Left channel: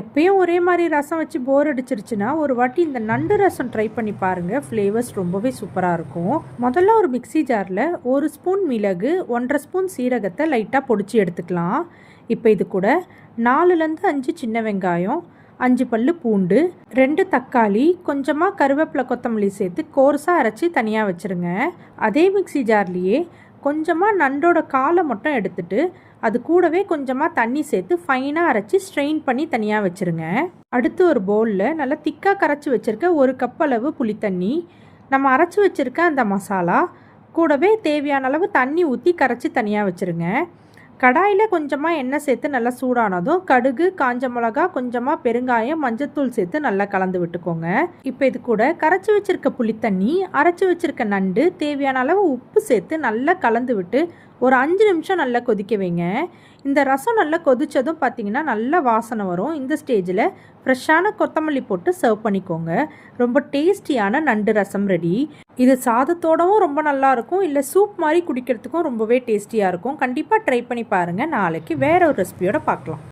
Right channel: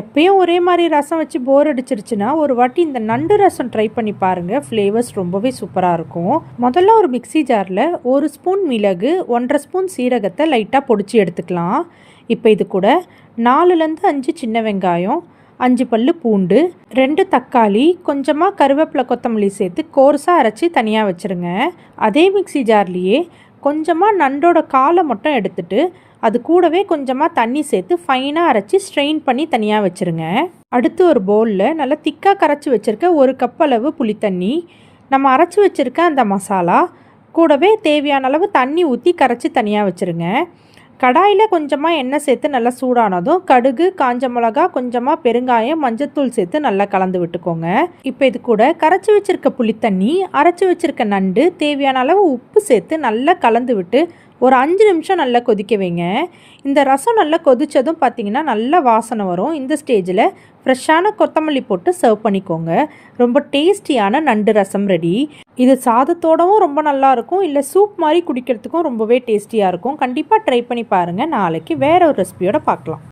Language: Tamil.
எப்பயும் ஒரே மாதிரி ரசம் வச்சு போர் அடிச்சிருச்சுன்னா ஒரு வாட்டி இந்த நண்டு ரசம் ட்ரை பண்ணி பாருங்கள். ஃப்ளேவர்ஸ் ரொம்பவே சூப்பராக இருக்கும். முதல்ல ஒரு மிக்சி ஜாரில் 1 ஸ்பூன் மிளகு, 1.5 ஸ்பூன் சீரகத்தை லைட்டாக பொடிச்சு எடுத்துக்கலாம். இப்போ இது கூட 4லேருந்து 5 சின்ன வெங்காயம், 5 பல்லு பூண்டு, 2 தக்காளி, கொஞ்சமாக கருவேப்பிலை கொத்தமல்லி சேர்த்து கோர்ஸாக அரைச்சி தனியாக வச்சுருங்க. அதே மிக்சி ஜார்லேயே கொஞ்சமாக நண்டோட காலை மட்டும் எடுத்துட்டு அது கூடவே கொஞ்சமாக தண்ணி சேர்த்து ஃபைனாக அரைச்சி ஸ்ட்ரெயின் பண்ணி தனியாக வச்சுருங்க. அடுத்து ஒரு பவுலில் நல்லா திக்காக கரைச்சி வச்சுருக்க 1 கப் அளவு புளித்தண்ணி, நம்ம அரைச்சி வச்சுருக்க அந்த மசாலா கூடவே தேவையான அளவு தண்ணி ஊற்றி கரைச்சி தனியாக வச்சுருங்க. கடாயில் கொஞ்சமாக எண்ணெய் சேர்த்து நல்லா சூடானதும் கடுகு, காஞ்ச மிளகா, கொஞ்சமாக பெருங்காயம், மஞ்சத்தூள் சேர்த்து நல்லா கலந்து விட்டுக்கோங்க. இப்போ இது கூட கரைச்சி வச்சுருக்க புளித்தண்ணி, அரைச்சி வச்சுருக்க நண்டு, தேவையான அளவு உப்பு சேர்த்து நல்லா கலந்து விட்டு ஒரு 5 நிமிஷம் நல்லா கொதிக்க வைங்க. இந்த ரசம் நல்லா கொதித்ததும் பார்த்திங்கன்னா நல்லா வாசனை வரும். இந்த ஸ்டேஜில் ஃப்ரெஷ்ஷான கொத்தமல்லி போட்டு சர்வ் பண்ணிக்கோங்க. ரொம்ப டேஸ்டியான நண்டு ரசம் ரெடி. இது சாதத்தோடவும் ரொம்ப நல்லாயிருக்கும், இல்லை சூப் மாதிரி குடிக்கிறதுக்கும் ரொம்பவே டேஸ்டியாக இருக்கும். கண்டிப்பாக ட்ரை பண்ணி பாருங்கள். நாளைக்கு வேறு ஒரு ரெசிபியோட பார்க்கலாம்.